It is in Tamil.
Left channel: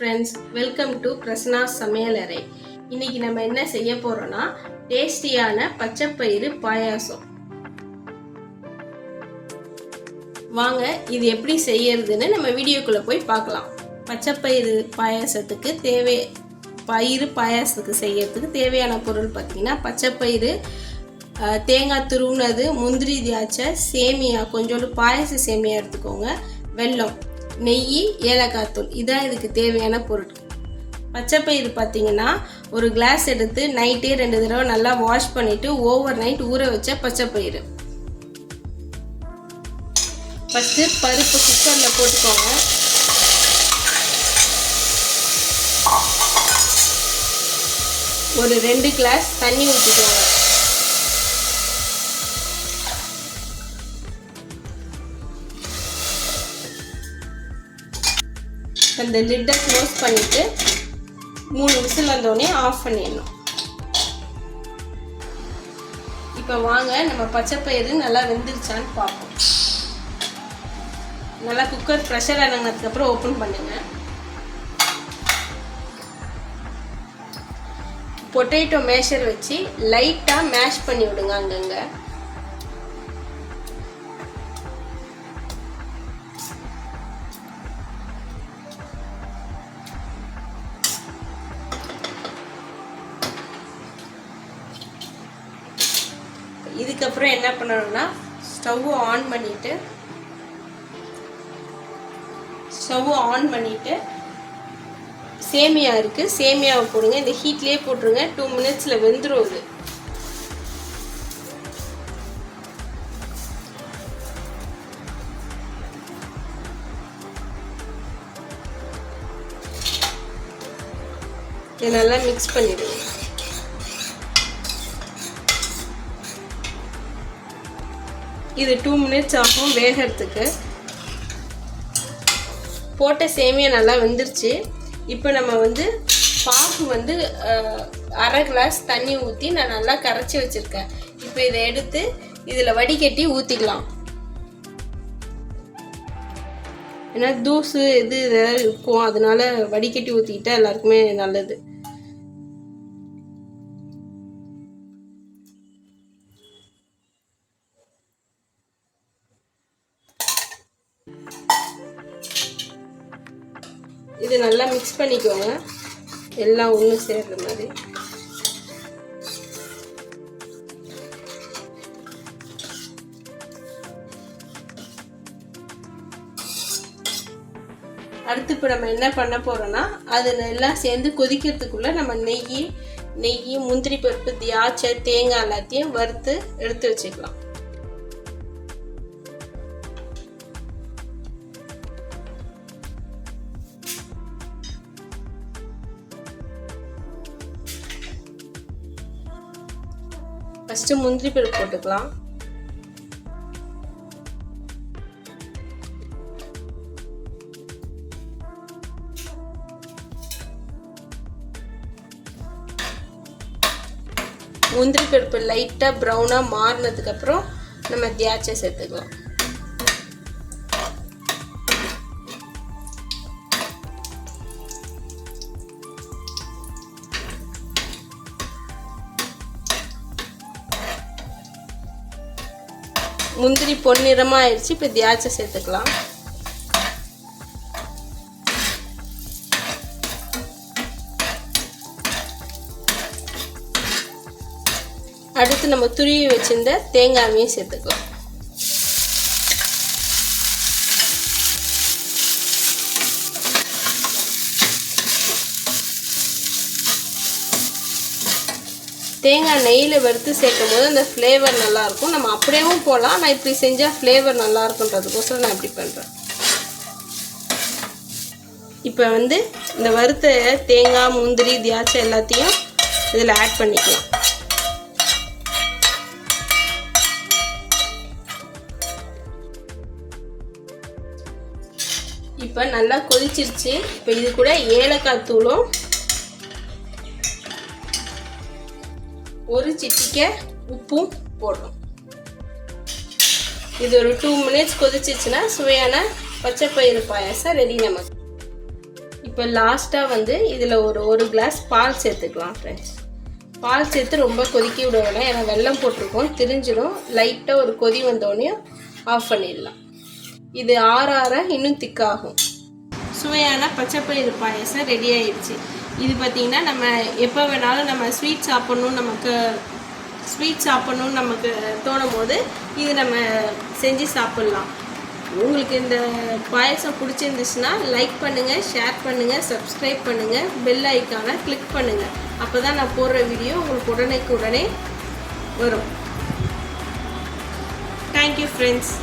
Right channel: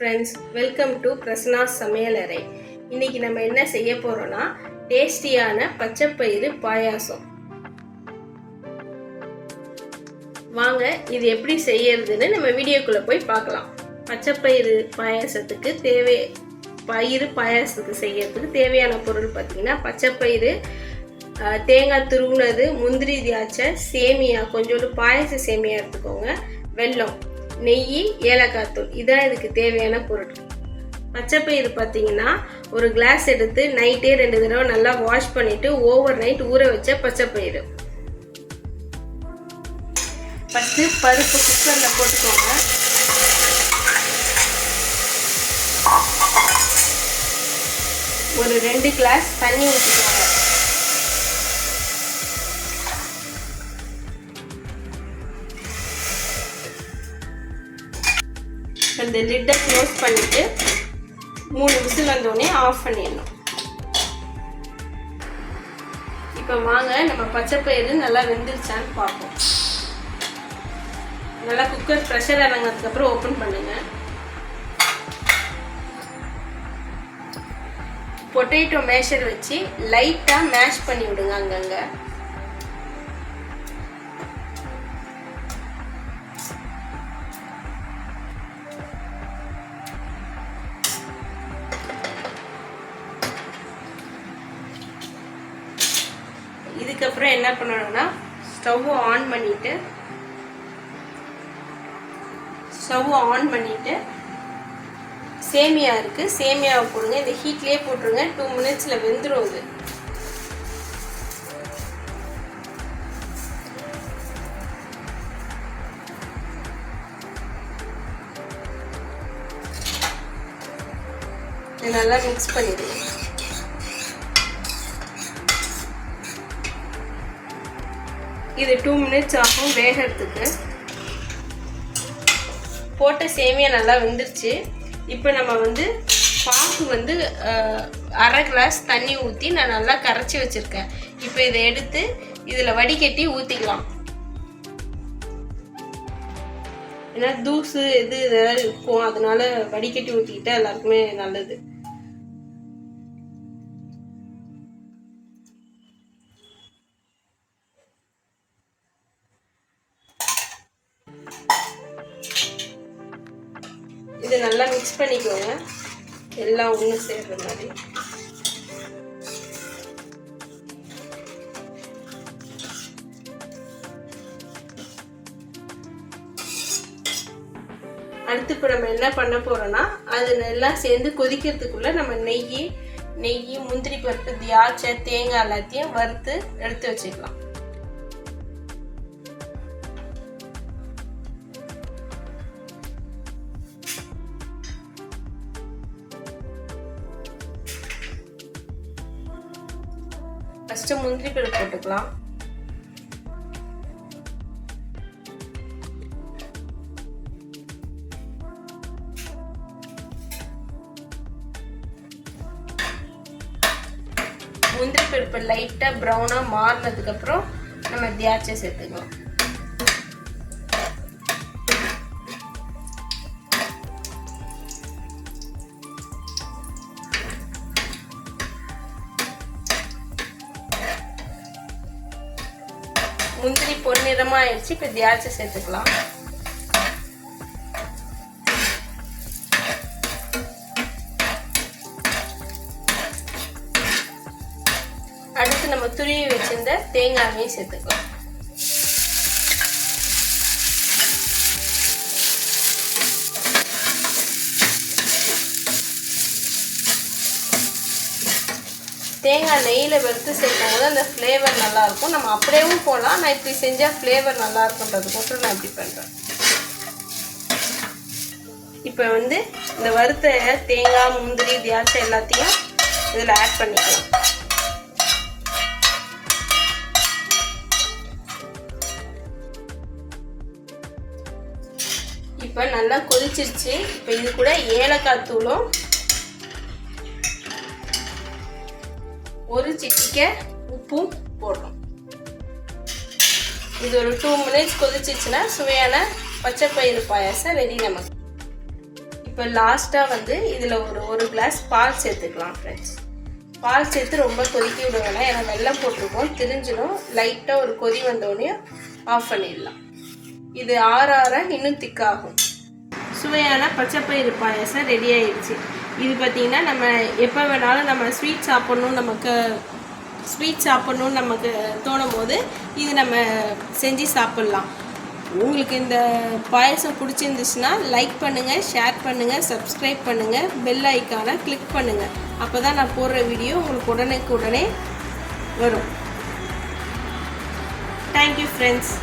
ஃப்ரெண்ட்ஸ், வெல்கம் டு பிரசன்னா சமையலறை. இன்னைக்கு நம்ம என்ன செய்ய போறோம்னா டேஸ்டியான பச்சைப்பயிறு பாயாசம். வாங்க இது எப்படி செய்யறதுன்னு நம்ம வீடியோக்குள்ள போய் பார்க்கலாம். பச்சைப்பயிறு பாயாசத்துக்கு பாயாசத்துக்கு செய்யறதுக்கு தேவையான பொருள் பார்த்தீங்கன்னா பச்சைப்பயிறு, தேங்காய் துருவுனது, முந்திரி திராட்சை, சேமியா, கொஞ்சோண்டு பாயச சேமியா எடுத்துக்கோங்க, வெல்லம், நெய், ஏலக்காய் தூள், இதான் இதுக்கு தேவையான பொருட்கள். பச்சைப்பயிறு பார்த்தீங்கன்னா ஒரு கிளாஸ் எடுத்து நைட்டே 2 தடவை நல்லா வாஷ் பண்ணிட்டு ஓவர் நைட் ஊற வச்ச பச்சைப்பயிறு. ஃபஸ்ட்டு பருப்பு குக்கரில் போட்டுக்கோங்க. ஒரு 2 கிளாஸ் தண்ணி ஊற்றிக்கோங்க. அந்த லிட்டை க்ளோஸ் பண்ணிட்டு 3 விசில் வந்தோடனே ஆஃப் பண்ணிடணும். இப்போ வாங்க நம்ம பச்சைப்பயிறு நல்லா வெந்துருச்சான்னு பார்ப்போம். நல்லா குக்கர் ப்ரெஷர் இறங்கினதுக்கப்புறம் ஓப்பன் பண்ணுங்க. பொட்டேட்டோ மேஷர் வச்சு லைட்டாக மேஷ் பண்ணி விடுங்க அங்கங்கே. இதுக்கப்புறம் என்ன பண்ணணும்னா ஸ்டவ் ஆன் பண்ணிட்டு சேமியா இருக்கு, சேமியாவை போடுங்க. இந்த ஹீட்லயே போட்டுருங்க. 2 மினிட்ஸ்ல வெந்துடும். இதை நல்லா மிக்ஸ் பண்ணிடுங்க. இது 2 மினிட்ஸ் ஆகும் வேகிறதுக்கு. போட்ட சேமியா நல்லா வெந்துருச்சு. இப்போ நம்ம பாகு அரை கிளாஸ் தண்ணி ஊற்றி நான் நல்லா கரைச்சி வச்சுருக்கேன். இப்போ இதை எடுத்து இதில் வடிகட்டி ஊற்றிக்கலாம். ஏன்னா தூசு இதெல்லாம் இருக்கும், அதனால வடிகட்டி ஊற்றிக்கிட்டா எல்லாருக்குமே நல்லது. இது நல்லா மிக்ஸ் பண்ணிக்கோங்க, எல்லாம் ஒன்று சேர்ற மாதிரி. அடுத்து இப்போ நம்ம என்ன பண்ண போறோம்னா அது எல்லாம் சேர்ந்து கொதிக்கிறதுக்குள்ள நம்ம நெய், முந்திரி பருப்பு, திராட்சை, தேங்காய் எல்லாத்தையும் வறுத்து எடுத்து வச்சுக்கலாம். ஃபஸ்ட்டு முந்திரி பருப்பு போட்டுக்கலாம். முந்திரி பருப்பு லைட்டாக ப்ரௌனாக மாறினதுக்கப்புறம் நம்ம திராட்சை சேர்த்துக்கலாம். முந்திரி பொன்னிறமாக ஆயிடுச்சு. இப்போ திராட்சை சேர்த்துக்கலாம். அடுத்து நம்ம துருவி வச்சிருந்த தேங்காயையும் சேர்த்துக்கலாம். தேங்காய் நெய்யில் வறுத்து சேர்க்கும் போது அந்த ஃப்ளேவர் நல்லாயிருக்கும். நம்ம அப்படியேவும் போடலாம். நான் இப்படி செஞ்சால் ஃப்ளேவர் நல்லா இருக்குன்றதுக்கோசரம் நான் இப்படி பண்ணுறேன். இப்போ இந்த வறுத்த தேங்காய், முந்திரி, திராட்சை எல்லாத்தையும் இதில் ஆட் பண்ணிக்கலாம். இப்போ நல்லா கொதிச்சிருச்சு. இப்போ இது கூட ஏலக்காய் தூளும் ஒரு சிட்டிகை உப்பும் போடணும். இது ஒரு 2 மினிட்ஸ் கொதிச்சிச்சுன்னா சுவையான பச்சைப்பயிறு பாயாசம் ரெடி நமக்கு. இப்போ லாஸ்ட்டாக வந்து இதில் ஒரு கிளாஸ் பால் சேர்த்துக்கலாம் ஃப்ரெண்ட்ஸ். பால் சேர்த்து ரொம்ப கொதிக்க விட வேணாம், ஏன்னா வெல்லம் போட்டிருக்கோம், திரிஞ்சிடும். லைட்டாக ஒரு கொதி வந்தோடனே ஆஃப் பண்ணிடலாம். இது ஆற இன்னும் திக்காகும். சுவையான பச்சைப்பயிறு பாயாசம் ரெடி ஆயிடுச்சு. இது பார்த்திங்கன்னா நம்ம எப்போ வேணாலும் நம்ம ஸ்வீட் சாப்பிட்ணுன்னு நமக்கு தோணும் போது இது நம்ம செஞ்சு சாப்பிட்லாம். உங்களுக்கு இந்த பாயசம் பிடிச்சிருந்துச்சுன்னா லைக் பண்ணுங்கள், ஷேர் பண்ணுங்கள், சப்ஸ்கிரைப் பண்ணுங்கள், பெல் ஐக்கானை கிளிக் பண்ணுங்கள். அப்போ தான் நான் போடுற வீடியோ உங்களுக்கு உடனே வரும். Thank you friends.